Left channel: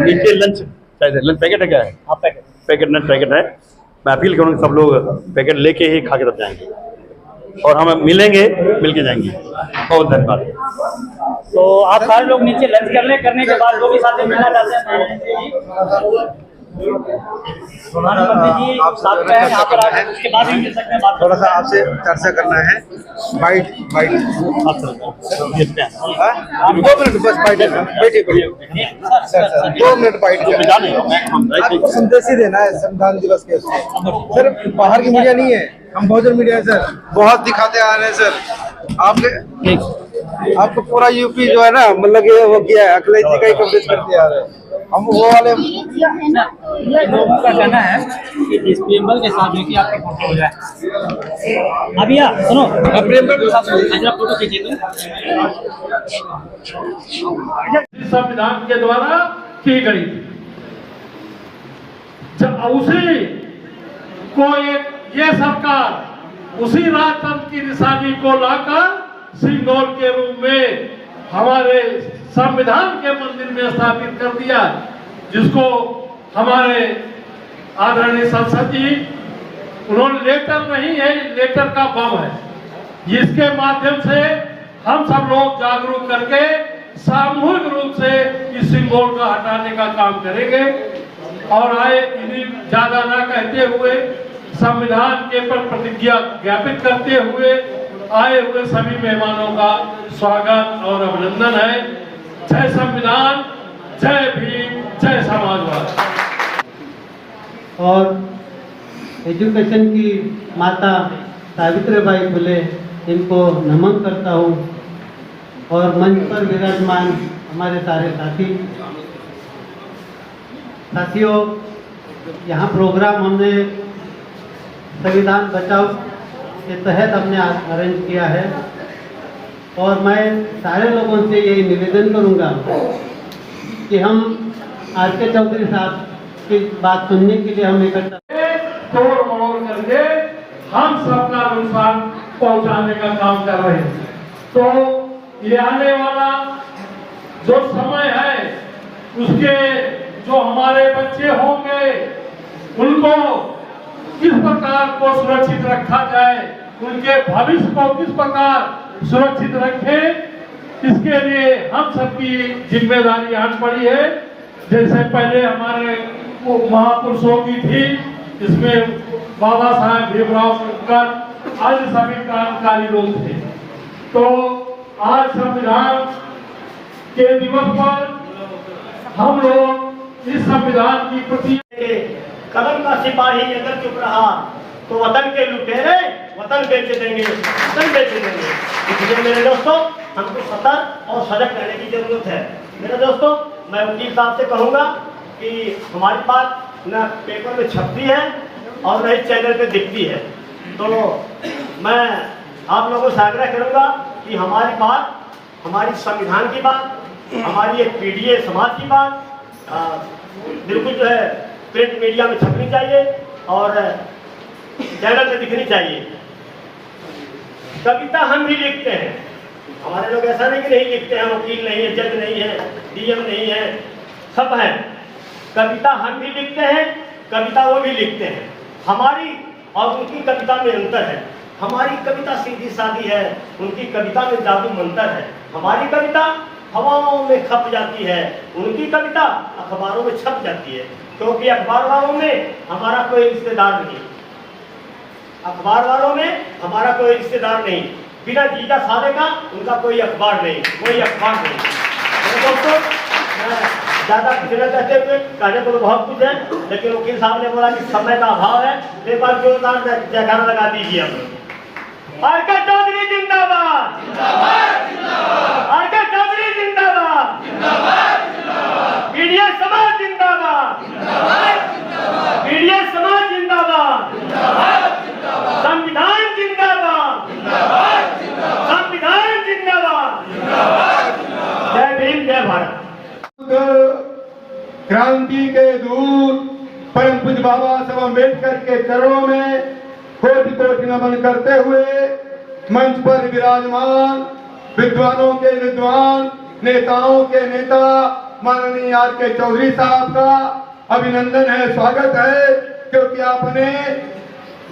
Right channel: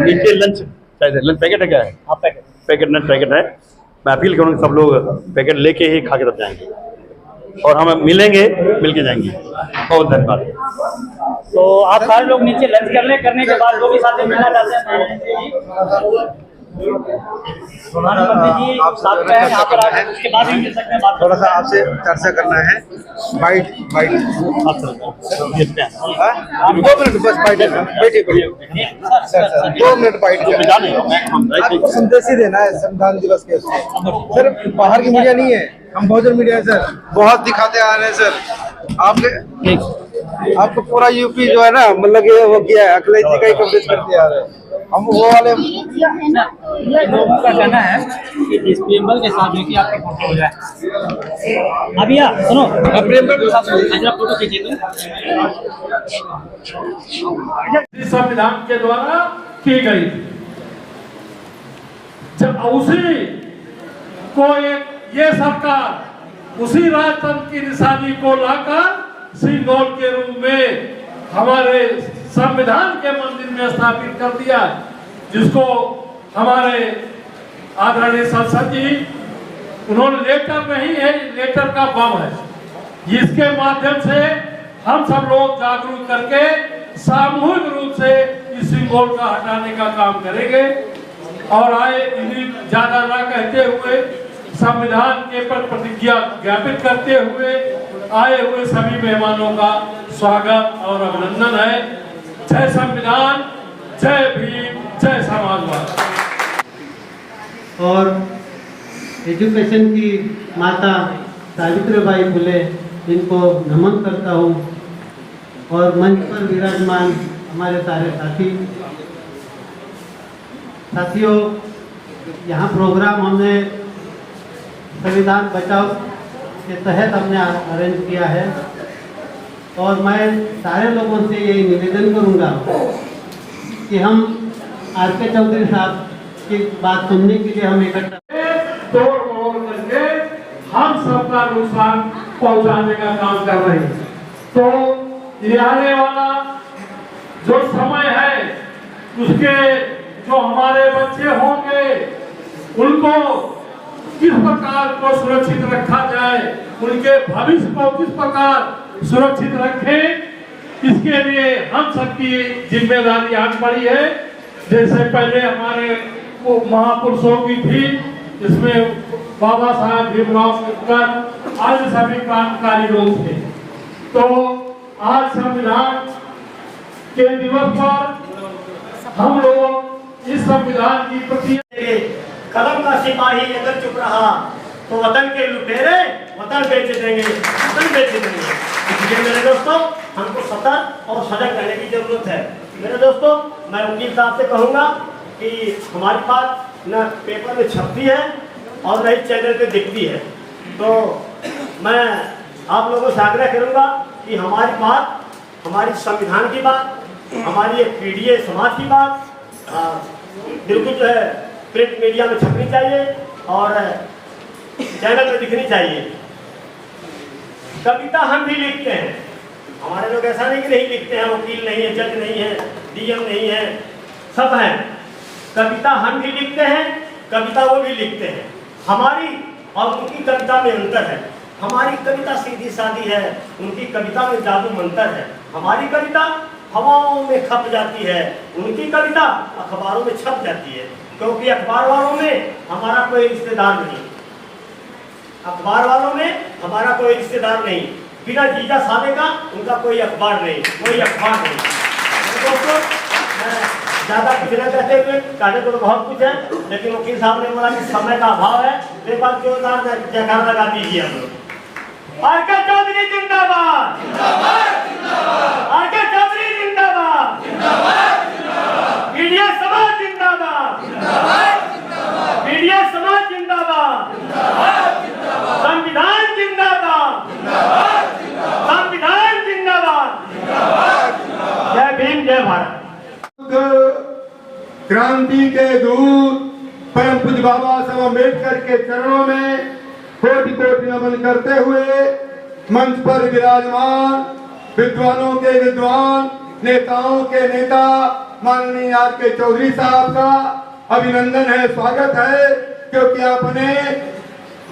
नीचे lunch packet है, क्या है? हाँ, पैकेट लंच पैकेट है। मैं अपील करूँगा सब लोग पैकेट लेके ही खा के तब जाएंगे, और हम मिलेंगे, मिलके जाएंगे। बहुत धन्यवाद। तो आप सारे लोग नीचे लंच करने के बाद लोग साथ में मिलना चाहते हैं। प्रधानमंत्री जी साथ में हैं, यहाँ पर आके उसके बाद ही मिल सकते हैं। थोड़ा सा आपसे चर्चा करना है। बाइट 2 मिनट बस बाइट बैठिए 2 मिनट बाइट आपको संदेश ही देना है संविधान दिवस के। सर बाहर की मीडिया नहीं है, हम बहुजन मीडिया है सर, बहुत दिखाते आ रहे हैं सर। आपको पूरा यूपी जो है ना, मतलब ये वो किया है, अखिलेश जी का ही कवरेज करते आ रहे हैं। हम वो वाले लोगों का कहना है कि इस प्रेमबल के साथ कि आपकी फोटो हो जाए। अभी सुनो, प्रेमबल के साथ फोटो खींचिए। संविधान के द्वारा की गई थी, जब उसी को ये सरकार उसी राजतंत्र की निशानी को लाकर सिंदूर के रूप में हमारे संविधान के मंदिर में स्थापित कर दिया, जिसको हमारे आदरणीय संसद जी उन्होंने लेटर नहीं है, लेटर का बम है। इसके माध्यम से हम सब लोग जागरूक करके सामूहिक रूप से इस सिंबल को हटाने का काम करेंगे। और आए इन्हीं ज्यादा ना कहते हुए संविधान के पर प्रतिज्ञा ज्ञापित करते हुए आए हुए सभी मेहमानों का स्वागत और अभिनंदन है। जय संविधान, जय भीम, जय समाजवाद। और एजुकेशन की माता सावित्रीबाई फुले, इनको नमन करता हूँ। और मंच पर विराजमान हमारे सारे साथियों, यहाँ प्रोग्राम हमने संविधान बचाओ के तहत हमने अरेंज किया है। और मैं सारे लोगों से यही निवेदन करूंगा कि हम आर.के. चौधरी साहब की बात सुनने के लिए हम इकट्ठा तोड़ मरोड़ करके हम सबका नुकसान पहुंचाने का काम कर रहे हैं। तो ये आने वाला जो समय है, उसके जो हमारे बच्चे होंगे, उनको किस प्रकार को सुरक्षित रखा जाए, उनके भविष्य को किस प्रकार सुरक्षित रखें, इसके लिए हम सबकी जिम्मेदारी आज पड़ी है। जैसे पहले हमारे महापुरुषों की थी, इसमें बाबा साहेब भीमराव अम्बेडकर आदि सभी क्रांतिकारी लोग थे। तो आज संविधान के दिवस पर हम लोग इस संविधान की प्रति कलम का सिपाही अगर चुप रहा तो वतन के लुटेरे वतन बेच देंगे, वतन बेच देंगे। इसलिए मेरे दोस्तों, हमको सतर्क और सजग रहने की जरूरत है। मेरे दोस्तों, मैं वकील साहब से कहूँगा कि हमारी बात न पेपर में छपती है और न ही चैनल पे दिखती है। तो मैं आप लोगों से आग्रह करूँगा कि हमारी बात, हमारी संविधान की बात, हमारी एक पीढ़ी समाज की बात बिल्कुल जो है प्रिंट मीडिया में छपनी चाहिए और चैनल पे दिखनी चाहिए। कविता हम भी लिखते हैं, हमारे लोग ऐसा नहीं कि नहीं लिखते हैं, वकील नहीं है, जज नहीं है, डीएम नहीं है, सब हैं। कविता हम भी लिखते हैं, कविता वो भी लिखते हैं। हमारी और उनकी कविता में अंतर है। हमारी कविता सीधी सादी है, उनकी कविता में जादू मंतर है। हमारी कविता हवाओं में खप जाती है, उनकी कविता अखबारों में छप जाती है। क्योंकि अखबार वालों में हमारा कोई रिश्तेदार नहीं, अखबार वालों में हमारा कोई रिश्तेदार नहीं, बिना जीजा साले का उनका कोई अखबार नहीं, कोई अखबार नहीं। दोस्तों, ज्यादा कुछ न कहते हुए, कहने को तो बहुत कुछ है, लेकिन वकील साहब ने बोला कि समय का अभाव है। एक बार जोरदार जयकार लगा दीजिए हम लोग। आर.के. चौधरी जिंदाबाद, आर.के. चौधरी जिंदाबाद, मीडिया समाज जिंदाबाद, मीडिया समाज जिंदाबाद, संविधान जिंदाबाद, संविधान जिंदाबाद। जय भीम, जय भारत। क्रांति के दूत परम पूज्य बाबा साहब अम्बेडकर के चरणों में कोटि कोटि नमन करते हुए मंच पर विराजमान विद्वानों के विद्वान, नेताओं के नेता माननीय आर के चौधरी साहब का अभिनंदन है, स्वागत है, क्योंकि आपने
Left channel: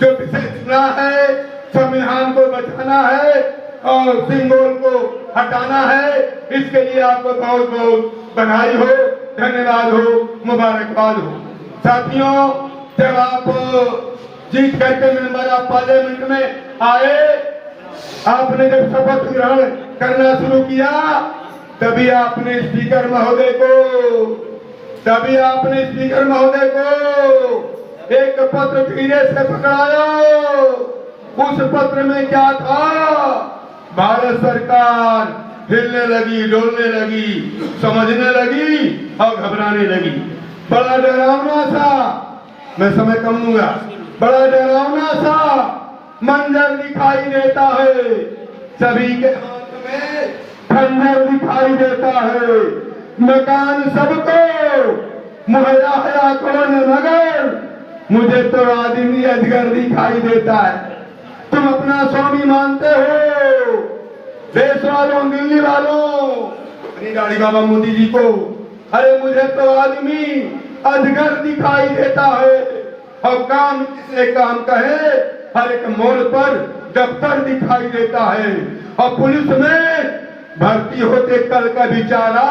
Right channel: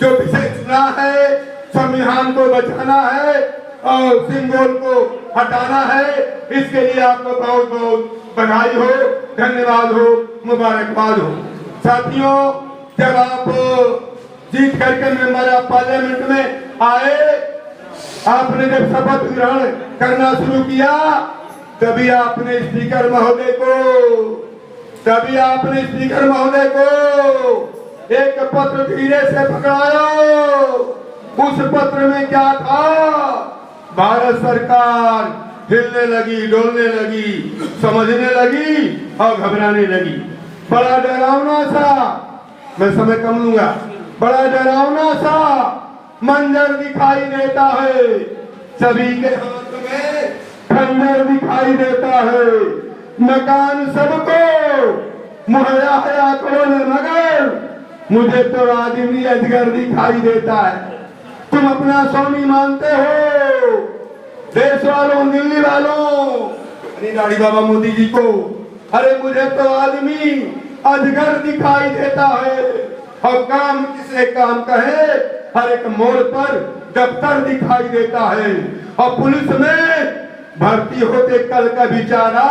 जो विषय चुना है, संविधान को बचाना है और सिंगोल को हटाना है, इसके लिए आपको बहुत बहुत बधाई हो, धन्यवाद हो, मुबारकबाद हो। साथियों, जब आप जीत करके मेंबर ऑफ पार्लियामेंट में आए, आपने जब शपथ ग्रहण करना शुरू किया, तभी आपने स्पीकर महोदय को एक पत्र धीरे से पकड़ाया। उस पत्र में क्या था? भारत सरकार हिलने लगी, डोलने लगी, समझने लगी और घबराने लगी। बड़ा डरावना सा, मैं समय कम लूंगा, बड़ा डरावना सा मंजर दिखाई देता है। सभी के हाथ में खंजर दिखाई देता है। मकान सबको मुहैया है आंकड़ों में, मगर मुझे तो आदमी अजगर दिखाई देता है। तुम अपना स्वामी मानते हो, देश वालों, दिल्ली वालों, अरे दाढ़ी बाबा मोदी जी को, अरे मुझे तो आदमी अजगर दिखाई देता है। और काम किसे काम कहे, हर एक मोड़ पर दफ्तर दिखाई देता है। और पुलिस में भर्ती होते कल का बेचारा,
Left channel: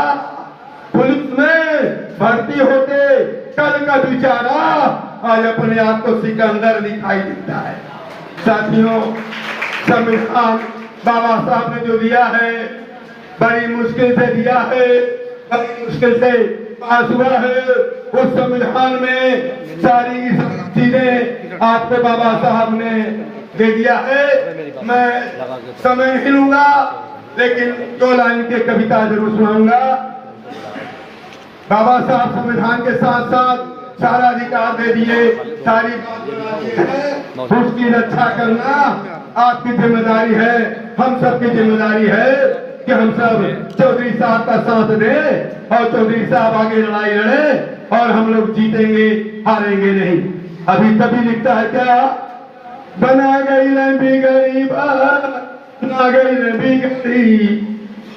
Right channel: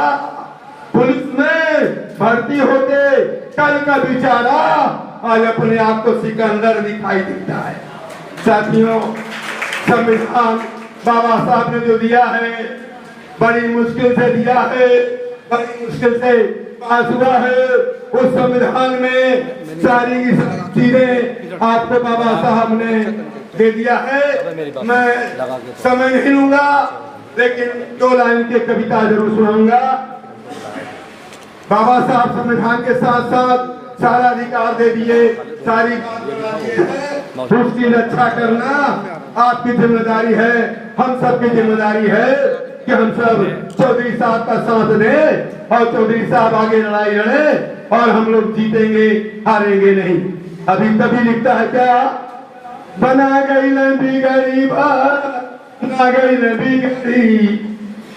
पुलिस में भर्ती होते कल का बेचारा आज अपने आप को सिकंदर दिखाई देता है। साथियों, संविधान बाबा साहब ने जो दिया है, बड़ी मुश्किल से दिया है, बड़ी मुश्किल से पास हुआ है। उस संविधान में सारी चीजें आपको बाबा साहब ने दे दिया है। मैं समय नहीं लूंगा, लेकिन 2 लाइन की कविता जरूर सुनाऊंगा। बाबा साहब संविधान के साथ साथ सारा अधिकार दे दिए, सारी बात उसकी रक्षा करना आपकी जिम्मेदारी है, हम सबकी जिम्मेदारी है कि हम सब चौधरी साहब का साथ दें और चौधरी साहब आगे लड़ाई लड़े और हम लोग जीतेंगे, हारेंगे नहीं। अभी कभी लिखता है क्या? बना गई लंबी गरीबा, ना गई लंबी गरी,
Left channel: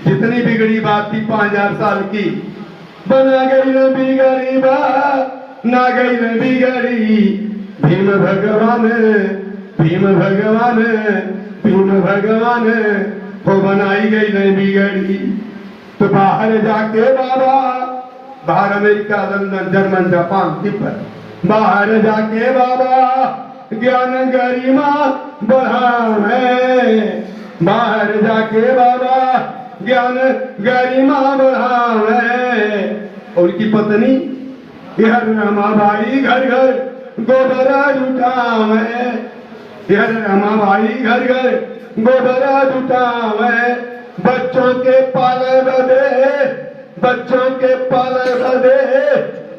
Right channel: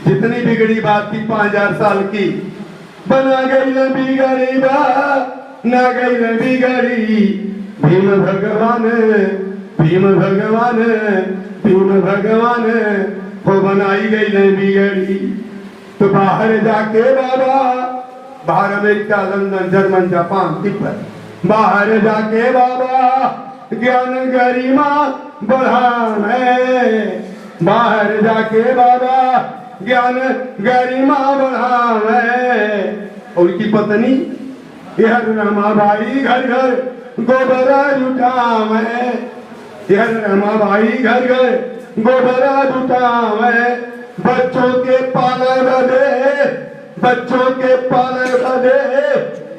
जितनी बिगड़ी बात थी 5000 साल की, बना गई लंबी गरीबा, ना गई लंबी गरी। भीम भगवान, भीम भगवान, भीम भगवान हो बनाई गई लंबी गरी। तो बाहर जाके बाबा, बाहर America, London, German, Japan, Tibet, बाहर जाके बाबा ज्ञान गरिमा बढ़ावे, बाहर जाके बाबा ज्ञान गरिमा बढ़ावे। उनकी पत्नी यह रमाबाई घर घर गोबरा जुटावे, यह रमाबाई घर घर गोबरा जुटावे। बच्चों के पाले बदे, बच्चों के पाले बदे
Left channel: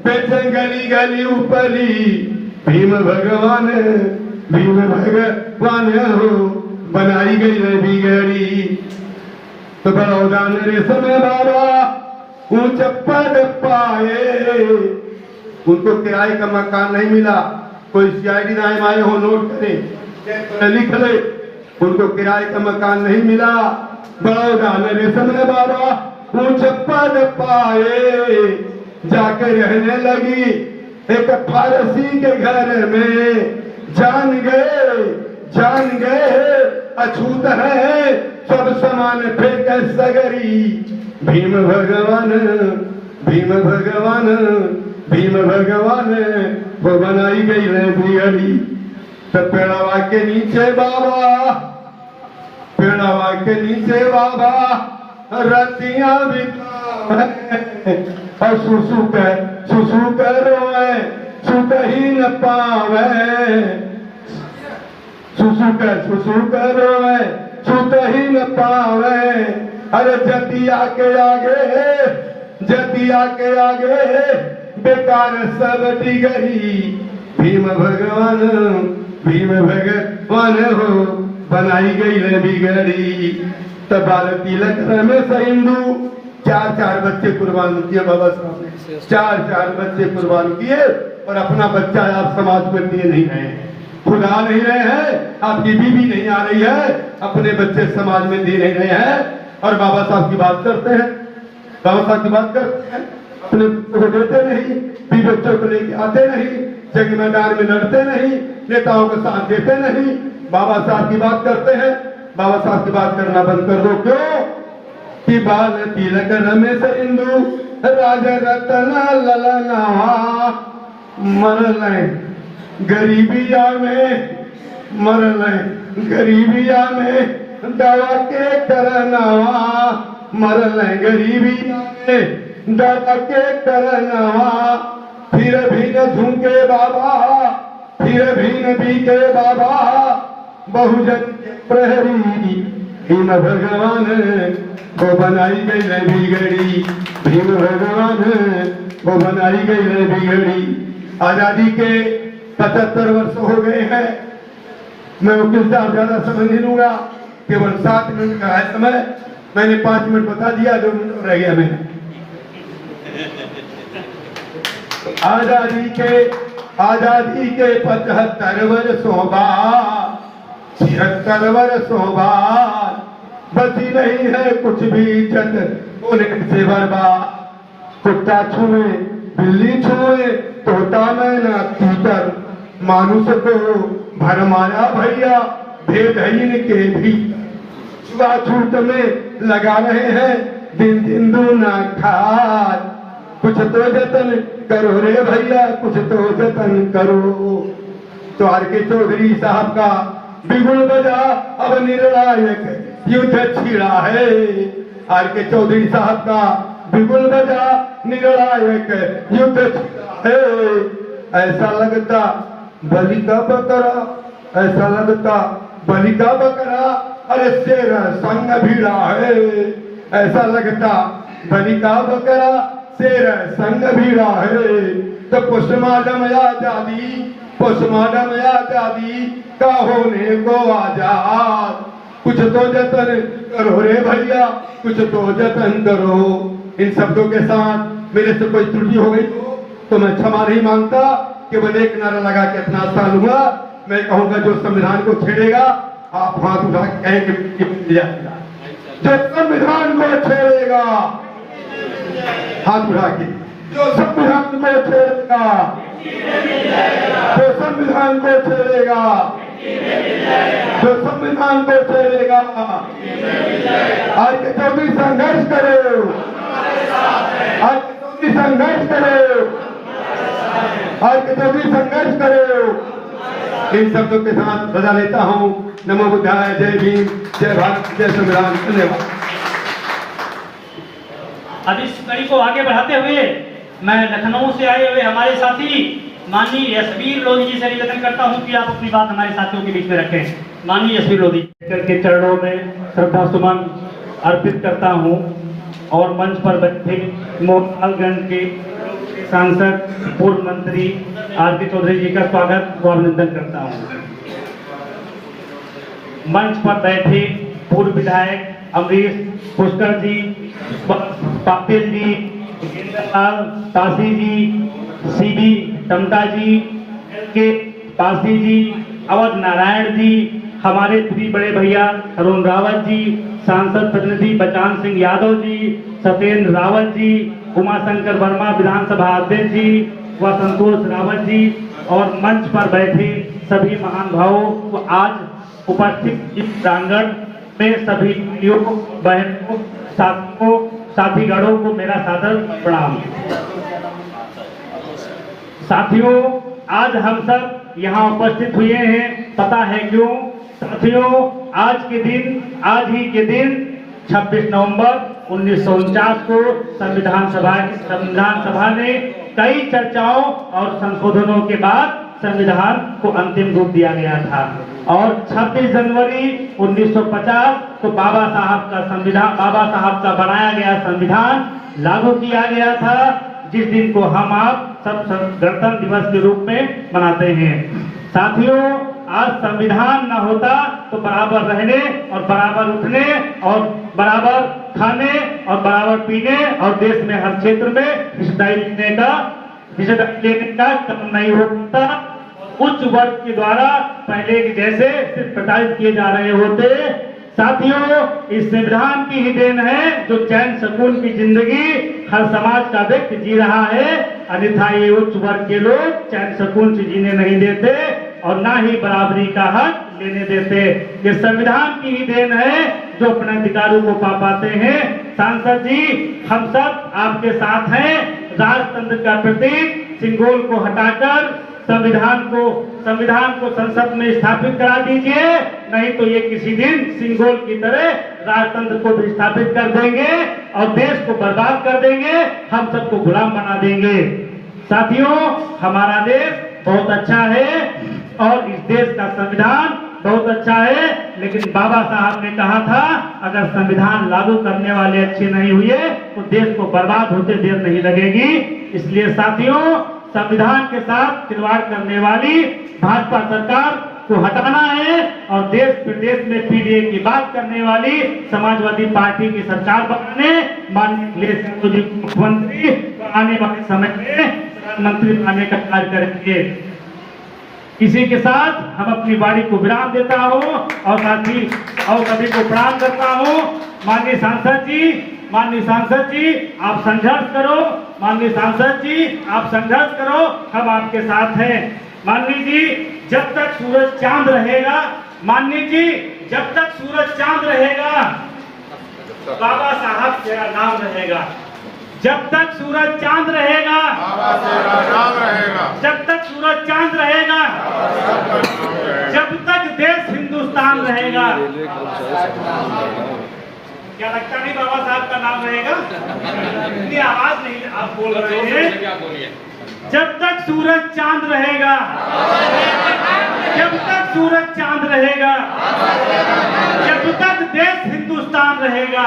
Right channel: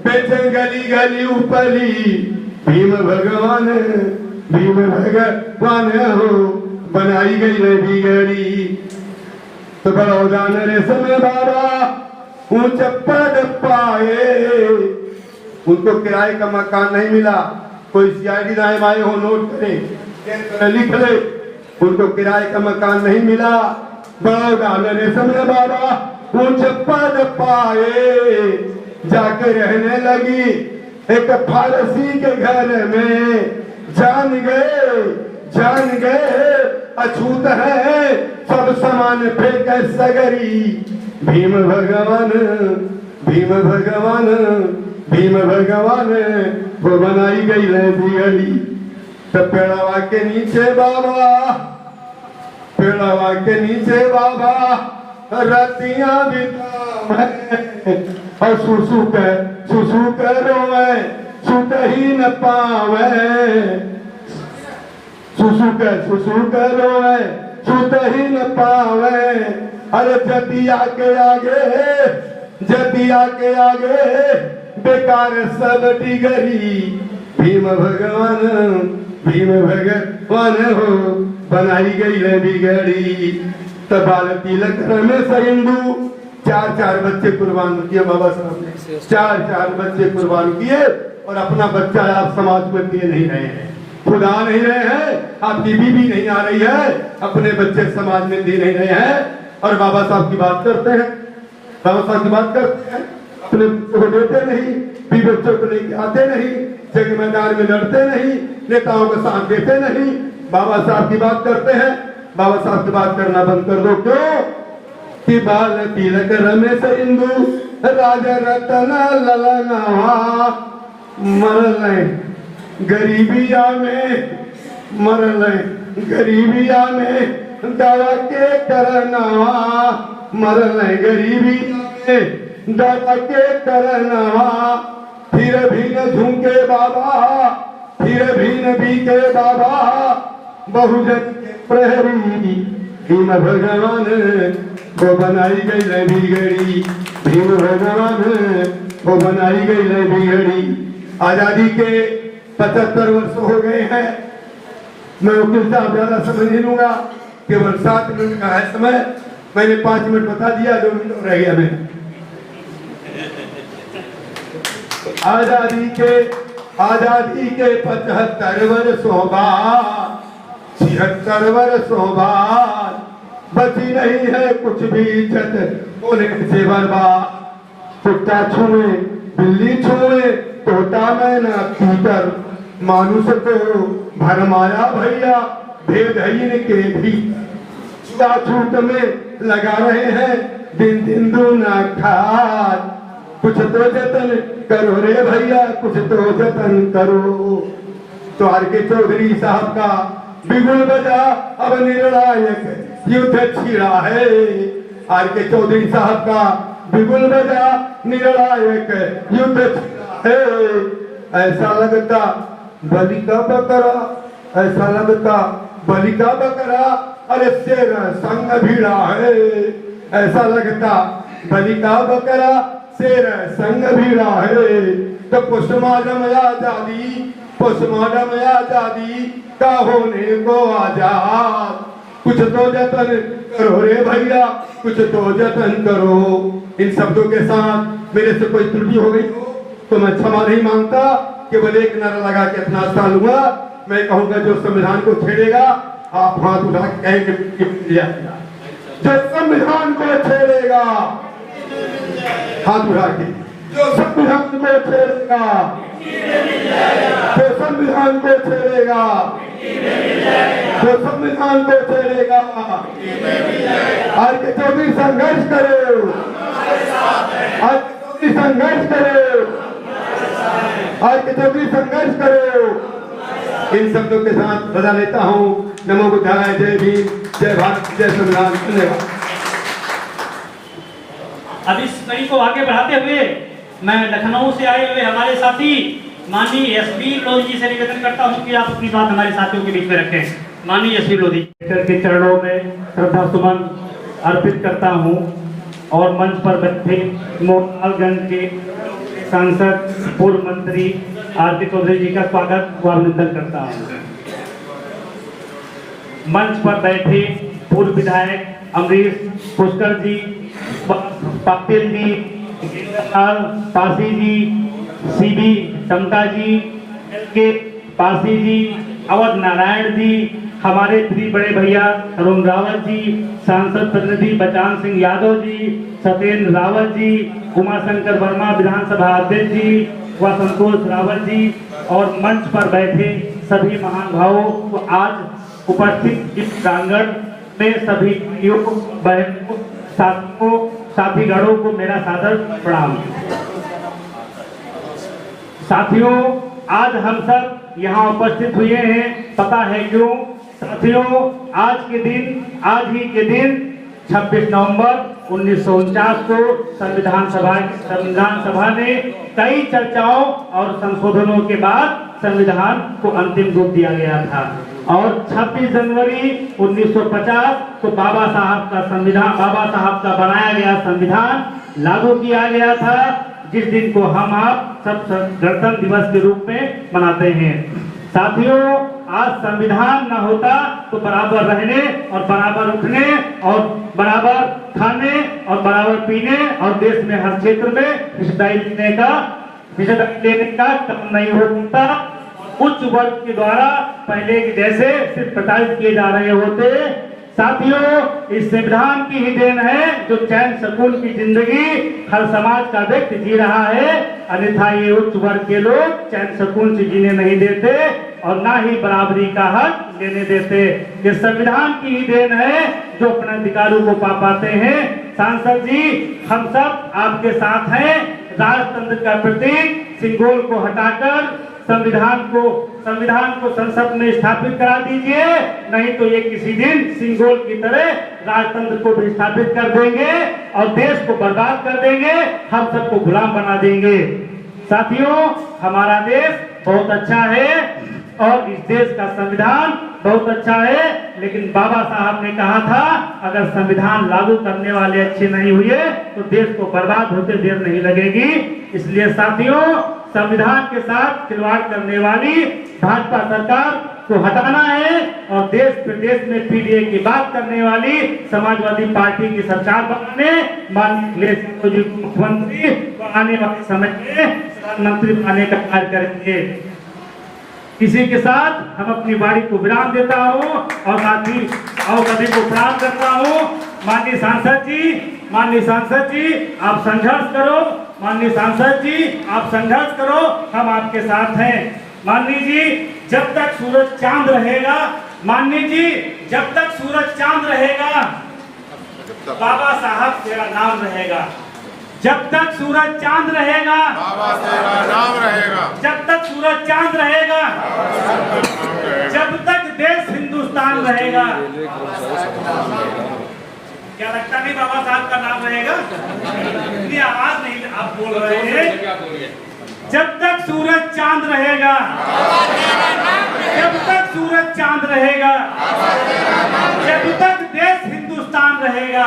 बेचे गली गली उपली। भीम भगवान, भीम भगवान हो बनाई गई नबी गरी। तो बड़ौदा ने समय बाबा ऊंच पद पाए, उनको किराए का मकान नहीं मिला। कोई सीआईडी नाम आए हो, नोट करें, लिख ले, उनको किराए का मकान नहीं मिला। बड़ौदा ने समय बाबा ऊंच पद पाए, जाके रहने लगी एक फारसी के घर में। जान गए अछूत है सब समान फेंक सगरी। भीम भगवान, भीम भगवान, भीम भगवान वो बनाई गई है बिगड़ी। तो पेड़वा के नीचे बाबा, पेड़वा के नीचे बाबा रतियां बितावे, और सुसु के रोवे सुत ही न पावे। सुसु के रोवे सुत ही न पावे। अरे जतिया के आगे बेकार सब डिगरी। भीम भगवान, भीम भगवान हो बनाई गई है बिगड़ी। तब बाल तिलक में हिंदू 4 बच्चे कुर्बान किए बाबा साहब ने, 4 बच्चे कुर्बान किए और अपना बच्चा आप समाज में दिए नहीं रहे हैं। खुदा नहीं रहे हैं, आपकी बीवी नहीं आ रही है, अपने बच्चे समाज में दे नहीं रहे हैं, और बाबा साहब की बात करते हैं, बाबा साहब की बात करते हैं, अपने बच्चों को देते नहीं, भी बच्चों को लेके आते नहीं, जंग मैदान में लड़ते नहीं, नेताओं को साथ देते नहीं, बाबा साहब की बात करते हैं। बाबा साहब की बात करना बंद कर दो। क्यों कि बाल तिलक रमेश इंदु राजा रतन ललनावा मरल गरीबिया में, मरल गरीबिया में दवा के करनवा, मरल गरीबिया में दवा के करनवा, फिर भी न झुमके बाबा, फिर भी न बीते बाबा, बहुजन के प्रहरी भीम भगवान को बनाई गई न बिगड़ी, भीम भगवान को बनाई गई न बिगड़ी। आजादी के 75 वर्ष हो गए हैं। मैं वकील साहब ज्यादा समय नहीं लूंगा, केवल 7 मिनट का है समय, मैंने 5 मिनट बता दिया, जो रह गया मेरा। आजादी के 75 वर्षों बाद, 76 वर्षों बाद बची नहीं है कुछ भी इज्जत, बोले से बर्बाद। कुत्ता छुए बिल्ली छुए तोता मैना तीतर, मानुष को भरमाया भैया भेदहीन के भी, छुआछूत में लगा रहे हैं दिन दिन दूना खाद। कुछ तो जतन करो रे भैया, कुछ तो जतन करो। तो आर के चौधरी साहब का बिगुल बजा, अब निर्णायक युद्ध छिड़ा है। आर के चौधरी साहब का बिगुल बजा, निर्णायक युद्ध छिड़ा है। ऐसा लगता बलि का बकरा, ऐसा लगता बलि का बकरा, अरे शेर संग भिड़ा है। ऐसा लगता बलि का बकरा, शेर संग भिड़ा है। तो पोस्टमार्टम आजादी, पोस्टमार्टम आजादी का होने को आजाद। कुछ तो जतन करो रे भैया, कुछ तो जतन करो। इन शब्दों के साथ मेरे से कोई त्रुटि हो गई हो तो मैं क्षमा नहीं मांगता, केवल एक नारा लगा के अपना स्थान लूंगा। मैं कहूंगा जो संविधान को छेड़ेगा, आप हाथ उठा के जो संविधान को छेड़ेगा, हाथ उठा के, जो संविधान को छेड़ेगा, जो संविधान को छेड़ेगा, जो संविधान को छेड़ेगा, आज के चौधरी संघर्ष करो, आज के चौधरी संघर्ष करो, आज के चौधरी संघर्ष करो। इन शब्दों के साथ बता लेता हूँ। नमो बुद्धाय, जय भीम, जय भारत, जय संविधान। धन्यवाद। अब इस कड़ी को आगे बढ़ाते हुए मैं लखनऊ से आए हुए हमारे साथी माननीय एसपी लोधी जी से निवेदन करता हूं कि आप अपनी बात हमारे साथियों के बीच में रखें। माननीय एसपी लोधी के चरणों में श्रद्धा सुमन अर्पित करता हूं और मंच पर बैठे मोहनलालगंज के सांसद पूर्व मंत्री आरती चौधरी जी का स्वागत और अभिनंदन करता हूं। मंच पर बैठे पूर्व विधायक अमरीश पुष्कर जी, पाटिल जी, गेंद्रलाल पासी जी, सीबी टमटा जी, के पासी जी, अवध नारायण जी, हमारे प्रिय बड़े भैया अरुण रावत जी, सांसद प्रतिनिधि बचान सिंह यादव जी, सत्येंद्र रावत जी, उमाशंकर वर्मा विधानसभा अध्यक्ष जी व संतोष रावत जी और मंच पर बैठे सभी महान भावों को आज उपस्थित इस प्रांगण में सभी भाइयों बहनों साथियों साथीगणों को मेरा सादर प्रणाम। साथियों, आज हम सब यहाँ उपस्थित हुए हैं, पता है क्यों? साथियों, आज ही के दिन 26 नवंबर 1949 को संविधान सभा ने कई चर्चाओं और संशोधनों के बाद संविधान को अंतिम रूप दिया गया था और 26 जनवरी 1950 को बाबा साहब का बनाया गया संविधान लागू किया गया था, जिस दिन को हम आप सब गणतंत्र दिवस के रूप में मनाते हैं। साथियों, आज संविधान न होता तो बराबर रहने और बराबर उठने और बराबर खाने और बराबर पीने और देश में हर क्षेत्र में हिस्सेदारी लेने का काम नहीं हो सकता। उच्च वर्ग के द्वारा पहले की जैसे सिर्फ प्रताड़ित किए जा रहे होते। साथियों, इस संविधान की ही देन है जो चैन सुकून की जिंदगी हर समाज का व्यक्ति जी रहा है, अन्यथा ये उच्च वर्ग के लोग चैन सुकून से जीने नहीं देते और ना ही बराबरी का हक लेने देते। ये संविधान की ही देन है जो अपने अधिकारों को पा पाते हैं। सांसद जी, हम सब आपके साथ हैं। राजतंत्र का प्रतीक सिंगोल को हटाकर संविधान को संसद में स्थापित करा दीजिए, नहीं तो ये किसी दिन सिंगोल की तरह राजतंत्र को भी स्थापित कर देंगे और देश को बर्बाद कर देंगे, हम सबको गुलाम बना देंगे। साथियों, हमारा देश बहुत अच्छा है और इस देश का संविधान बहुत अच्छा है, लेकिन बाबा साहब ने कहा था अगर संविधान लागू करने वाले अच्छे नहीं हुए तो देश को बर्बाद होते देर नहीं लगेगी। इसलिए साथियों, संविधान के साथ खिलवाड़ करने वाली भाजपा सरकार को हटाना है और देश प्रदेश में पीडीए की बात करने वाली समाजवादी पार्टी की सरकार बनाने, माननीय अखिलेश जी को मुख्यमंत्री आने वाले समय में प्रधानमंत्री बनाने का कार्य करेंगे। इसी के साथ हम अपनी वाणी को विराम देता हूँ और साथ ही सभी को प्रणाम करता हूँ। माननीय सांसद जी आप संघर्ष करो, माननीय सांसद जी आप संघर्ष करो, हम आपके साथ हैं। माननीय जी, जब तक सूरज चांद रहेगा, माननीय जी जब तक सूरज चांद रहेगा बाबा साहब तेरा नाम रहेगा। जब तक सूरज चांद रहेगा, जब तक सूरज चांद रहेगा, जब तक देश हिंदुस्तान रहेगा। क्या लगता नहीं बाबा साहब का नाम रहेगा? इतनी आवाज नहीं आप बोल रहे हैं। जब तक सूरज चांद रहेगा, जब तक सूरज चांद रहेगा, जब तक देश हिंदुस्तान रहेगा,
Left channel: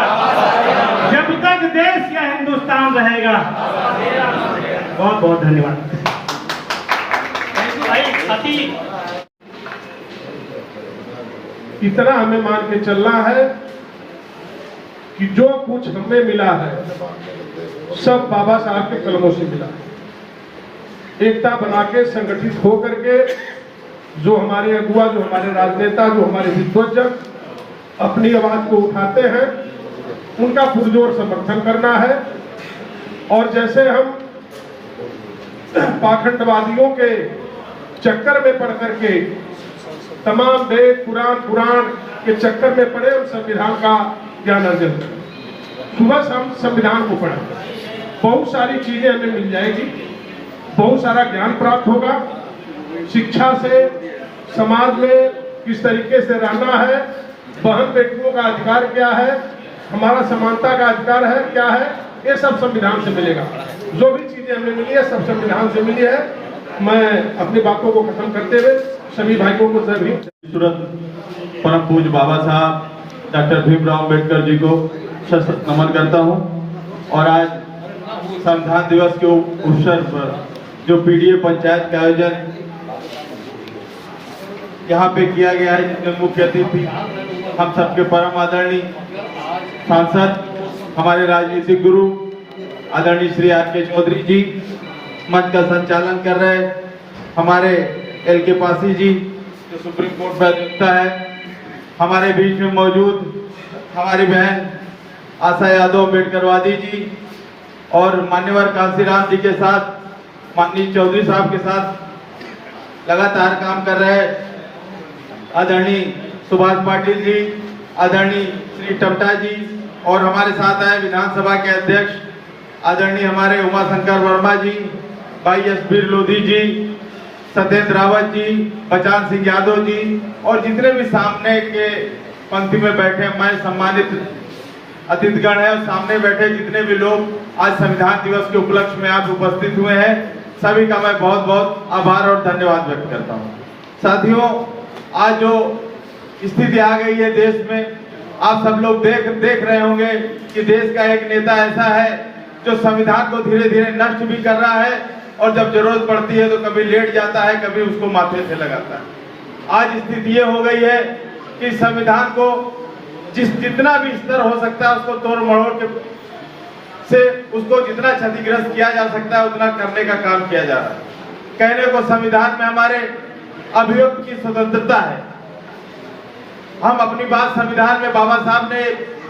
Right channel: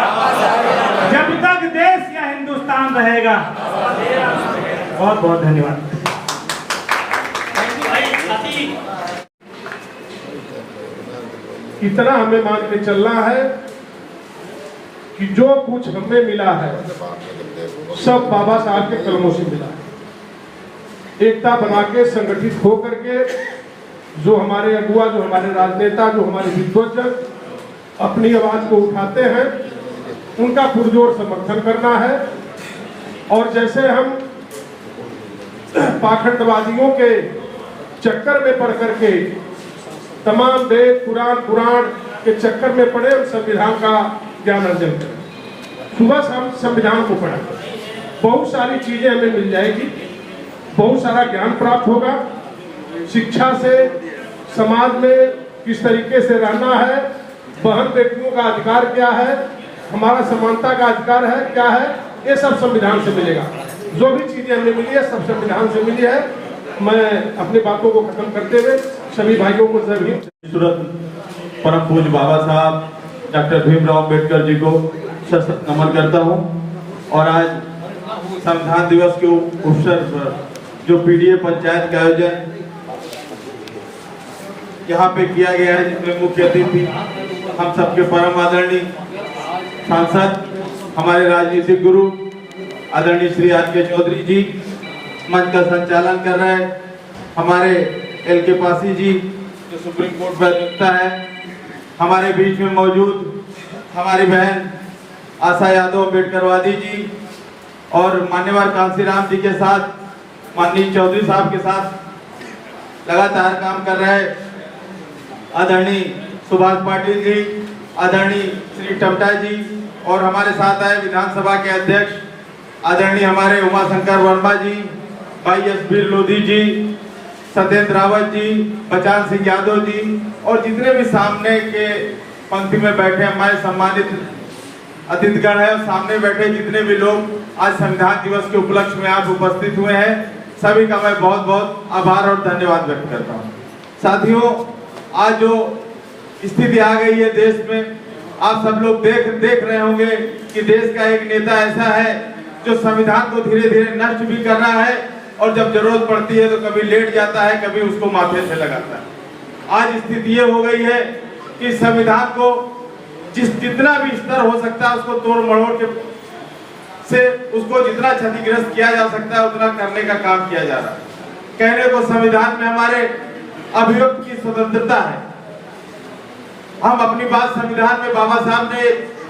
जब तक देश या हिंदुस्तान रहेगा। बहुत बहुत धन्यवाद। इतना हमें मान के चलना है कि जो कुछ हमें मिला है सब बाबा साहब के कलमों से मिला है। एकता बना के संगठित हो करके जो हमारे अगुआ, जो हमारे राजनेता, जो हमारे विद्वजन अपनी आवाज को उठाते हैं, उनका पुरजोर समर्थन करना है। और जैसे हम पाखंडवादियों के चक्कर में पड़ करके तमाम वेद पुराण के चक्कर में पड़े, हम संविधान का ज्ञान अर्जन करें। सुबह से हम संविधान को पढ़ें, बहुत सारी चीजें हमें मिल जाएगी, बहुत सारा ज्ञान प्राप्त होगा। शिक्षा से समाज में किस तरीके से रहना है, बहन बेटियों का अधिकार क्या है, हमारा समानता का अधिकार है क्या है, ये सब संविधान से मिलेगा। जो भी चीजें हमें मिली है सब संविधान से मिली है। मैं अपनी बातों को खत्म करते हुए सभी भाइयों को जरूर परम पूज्य बाबा साहब डॉक्टर भीमराव अम्बेडकर जी को सशक्त नमन करता हूं। और आज संविधान दिवस के अवसर पर जो पीडीए पंचायत का आयोजन यहाँ पे किया गया है, जिसमें मुख्य अतिथि हम सबके परम आदरणीय सांसद, हमारे राजनीतिक गुरु आदरणीय श्री आर.के. चौधरी जी मंच का संचालन कर रहे हैं, हमारे एल.के. पासी जी जो सुप्रीम कोर्ट में अधिवक्ता है, हमारे बीच में मौजूद हमारी बहन आशा यादव अम्बेडकरवादी जी और मान्यवर कांसीराम जी के साथ, माननीय चौधरी साहब के साथ लगातार काम कर रहे आदरणीय सुभाष पाटिल जी, आदरणीय श्री टमटा जी और हमारे साथ आए विधानसभा के अध्यक्ष आदरणीय हमारे उमाशंकर वर्मा जी, भाई यशवीर लोधी जी, सत्येंद्र रावत जी, बचान सिंह यादव जी और जितने भी सामने के पंक्ति में बैठे हमारे सम्मानित अतिथिगण है और सामने बैठे जितने भी लोग आज संविधान दिवस के उपलक्ष्य में आज उपस्थित हुए हैं, सभी का मैं बहुत बहुत आभार और धन्यवाद व्यक्त करता हूँ। साथियों, आज जो स्थिति आ गई है देश में, आप सब लोग देख रहे होंगे कि देश का एक नेता ऐसा है जो संविधान को धीरे धीरे नष्ट भी कर रहा है और जब जरूरत पड़ती है तो कभी लेट जाता है, कभी उसको माथे से लगाता है। आज स्थिति ये हो गई है कि संविधान को जितना भी स्तर हो सकता है उसको तोड़ मरोड़ के से उसको जितना क्षतिग्रस्त किया जा सकता है उतना करने का काम किया जा रहा है। कहने को संविधान में हमारे अभिव्यक्ति की स्वतंत्रता है। हम अपनी बात संविधान में बाबा साहब ने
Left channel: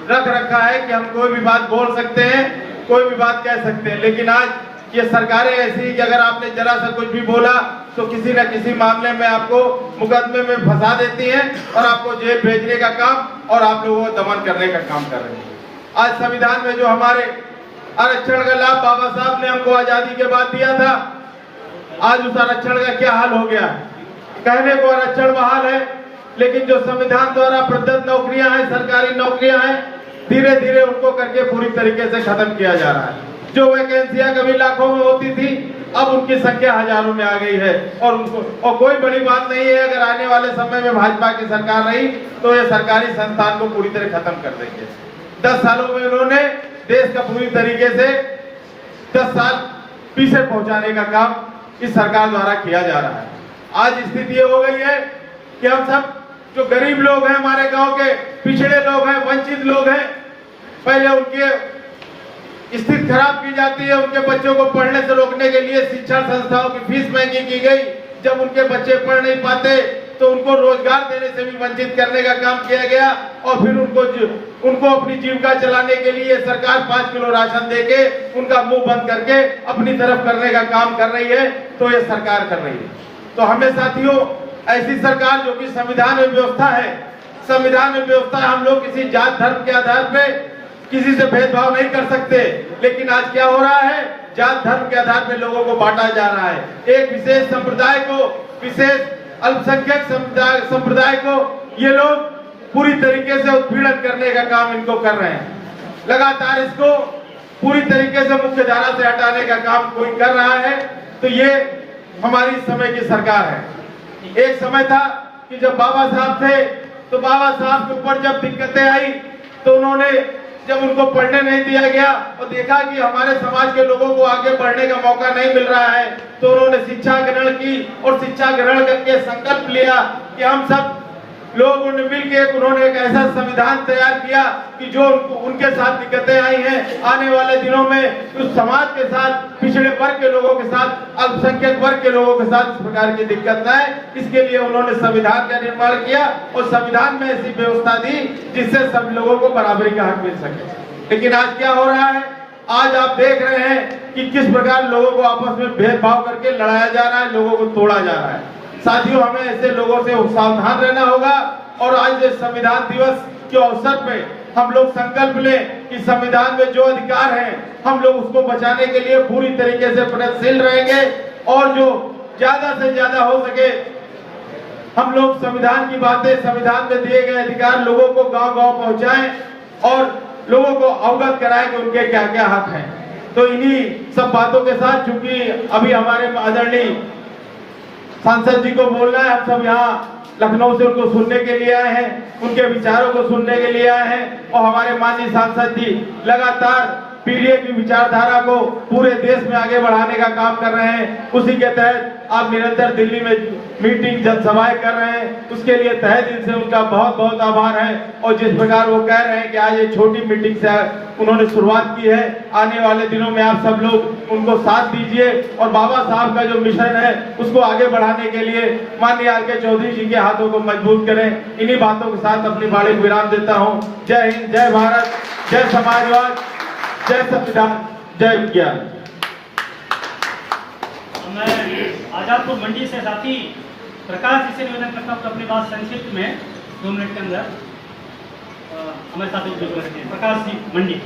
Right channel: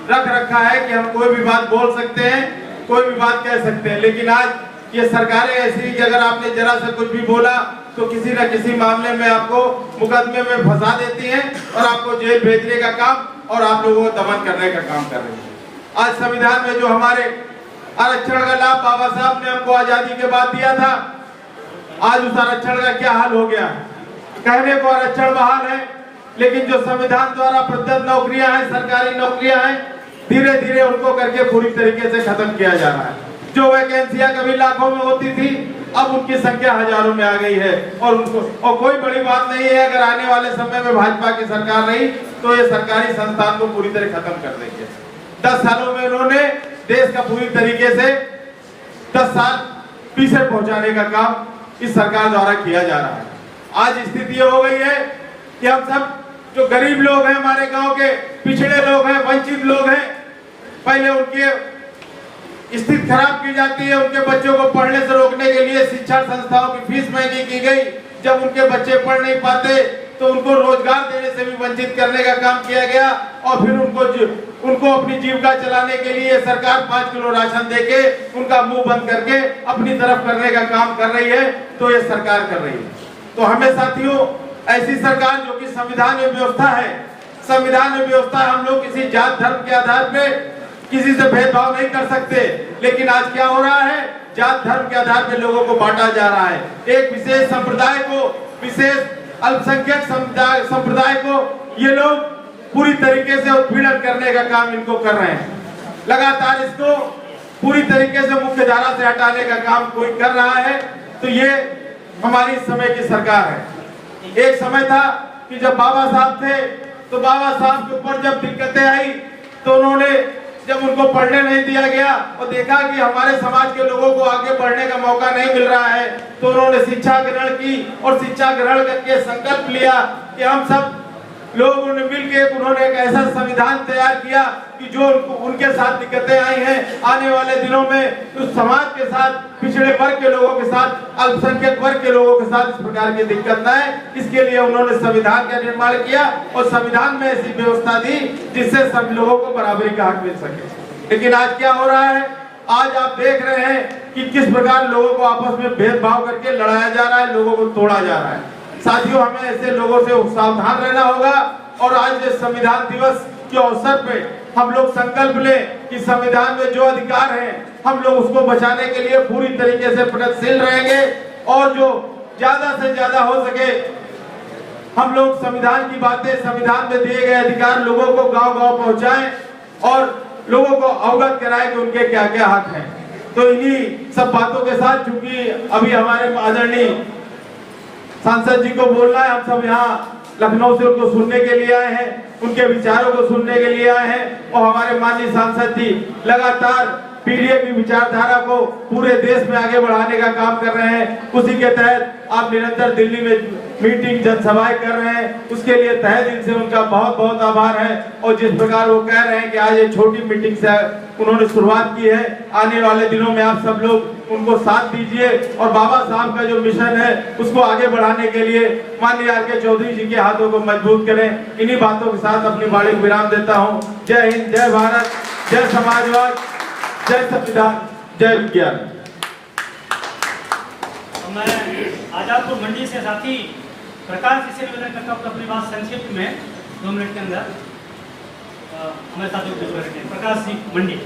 रख रखा है कि हम कोई भी बात बोल सकते हैं, कोई भी बात कह सकते हैं, लेकिन आज ये सरकारें ऐसी कि अगर आपने जरा सा कुछ भी बोला तो किसी न किसी मामले में आपको मुकदमे में फंसा देती हैं और आपको जेल भेजने का काम और आप लोगों को दमन करने का काम कर रही है। आज संविधान में जो हमारे आरक्षण का लाभ बाबा साहब ने हमको आजादी के बाद दिया था, आज उस आरक्षण का क्या हाल हो गया। कहने को आरक्षण बहाल है, लेकिन जो संविधान द्वारा प्रदत्त नौकरियां हैं, सरकारी नौकरियां हैं, धीरे धीरे उनको करके पूरी तरीके से खत्म किया जा रहा है। जो वैकेंसियां कभी लाखों में होती थी, अब उनकी संख्या हजारों में आ गई है और कोई बड़ी बात नहीं है। अगर आने वाले समय में भाजपा की सरकार रही तो ये सरकारी संस्थान को पूरी तरह खत्म कर देंगे। 10 सालों में उन्होंने देश का पूरी तरीके से 10 साल पीछे पहुंचाने का काम इस सरकार द्वारा किया जा रहा है। आज स्थिति ये हो गई है कि हम सब जो गरीब लोग हैं, हमारे गांव के पिछड़े लोग हैं, वंचित लोग हैं, पहले उनके स्थिति खराब की जाती है। उनके बच्चों को पढ़ने से रोकने के लिए शिक्षा संस्थाओं की फीस महंगी की गई। जब उनके बच्चे पढ़ नहीं पाते तो उनको रोजगार देने से भी वंचित करने का काम किया गया और फिर उनको अपनी जीविका चलाने के लिए सरकार 5 किलो राशन देके उनका मुंह बंद करके अपनी तरफ करने का काम कर रही है। तो ये सरकार कर रही है। तो हमें साथियों, ऐसी सरकार जो कि संविधान में व्यवस्था है, संविधान में व्यवस्था हम लोग किसी जात धर्म के आधार पे किसी से भेदभाव नहीं कर सकते, लेकिन आज क्या हो रहा है, जात धर्म के आधार पे लोगों को बांटा जा रहा है। एक विशेष संप्रदाय को, विशेष अल्पसंख्यक संप्रदाय को ये लोग पूरी तरीके से उत्पीड़न करने का काम इनको कर रहे हैं। लगातार इसको पूरी तरीके से मुख्य धारा से हटाने का काम कोई कर रहा है। तो ये हमारी समय की सरकार है। एक समय था कि जब बाबा साहब थे तो बाबा साहब के ऊपर जब दिक्कतें आई तो उन्होंने, जब उनको पढ़ने नहीं दिया गया और देखा कि हमारे समाज के लोगों को आगे बढ़ने का मौका नहीं मिल रहा है, तो उन्होंने शिक्षा ग्रहण की और शिक्षा ग्रहण करके संकल्प लिया कि हम सब लोगों ने मिलकर उन्होंने एक ऐसा संविधान तैयार किया कि जो उनके साथ दिक्कतें आई हैं, आने वाले दिनों में उस समाज के साथ, पिछड़े वर्ग के लोगों के साथ, अल्पसंख्यक वर्ग के लोगों के साथ इस प्रकार की दिक्कत न आए, इसके लिए उन्होंने संविधान का निर्माण किया और संविधान में ऐसी व्यवस्था दी जिससे सब लोगों को बराबरी का हक मिल सके। लेकिन आज क्या हो रहा है, आज आप देख रहे हैं कि किस प्रकार लोगों को आपस में भेदभाव करके लड़ाया जा रहा है, लोगों को तोड़ा जा रहा है। साथियों, हमें ऐसे लोगों से सावधान रहना होगा और आज संविधान दिवस के अवसर पे हम लोग संकल्प लें कि संविधान में जो अधिकार है हम लोग उसको बचाने के लिए पूरी तरीके से प्रयत्नशील रहेंगे और जो ज्यादा से ज्यादा हो सके हम लोग संविधान की बातें, संविधान में दिए गए अधिकार लोगों को गांव-गांव पहुंचाएं और लोगों को अवगत कराएं कि उनके क्या क्या हक हैं। तो इन्हीं सब बातों के साथ, चूंकि अभी हमारे आदरणीय सांसद जी को बोलना है, हम सब यहाँ लखनऊ से उनको सुनने के लिए आए हैं, उनके विचारों को सुनने के लिए आए हैं और हमारे माननीय सांसद जी लगातार पीडीए की विचारधारा को पूरे देश में आगे बढ़ाने का काम कर रहे हैं। उसी के तहत आप निरंतर दिल्ली में मीटिंग, जनसभाएं कर रहे हैं, उसके लिए तहे दिल से उनका बहुत बहुत आभार है। और जिस प्रकार वो कह रहे हैं कि आज ये छोटी मीटिंग से उन्होंने शुरुआत की है, आने वाले दिनों में आप सब लोग उनको साथ दीजिए और बाबा साहब का जो मिशन है उसको आगे बढ़ाने के लिए माननीय आर.के. चौधरी जी के हाथों को मजबूत करें। इन्हीं बातों के साथ अपनी वाणी विराम देता हूँ। जय हिंद, जय भारत, जय समाजवाद, जय संविधान, जय विज्ञान। मैं आजादपुर मंडी से साथी प्रकाश जी से निवेदन करता हूँ अपनी बात संक्षिप्त में 2 मिनट के अंदर हमारे साथ उपयोग करेंगे। प्रकाश जी, मंडी।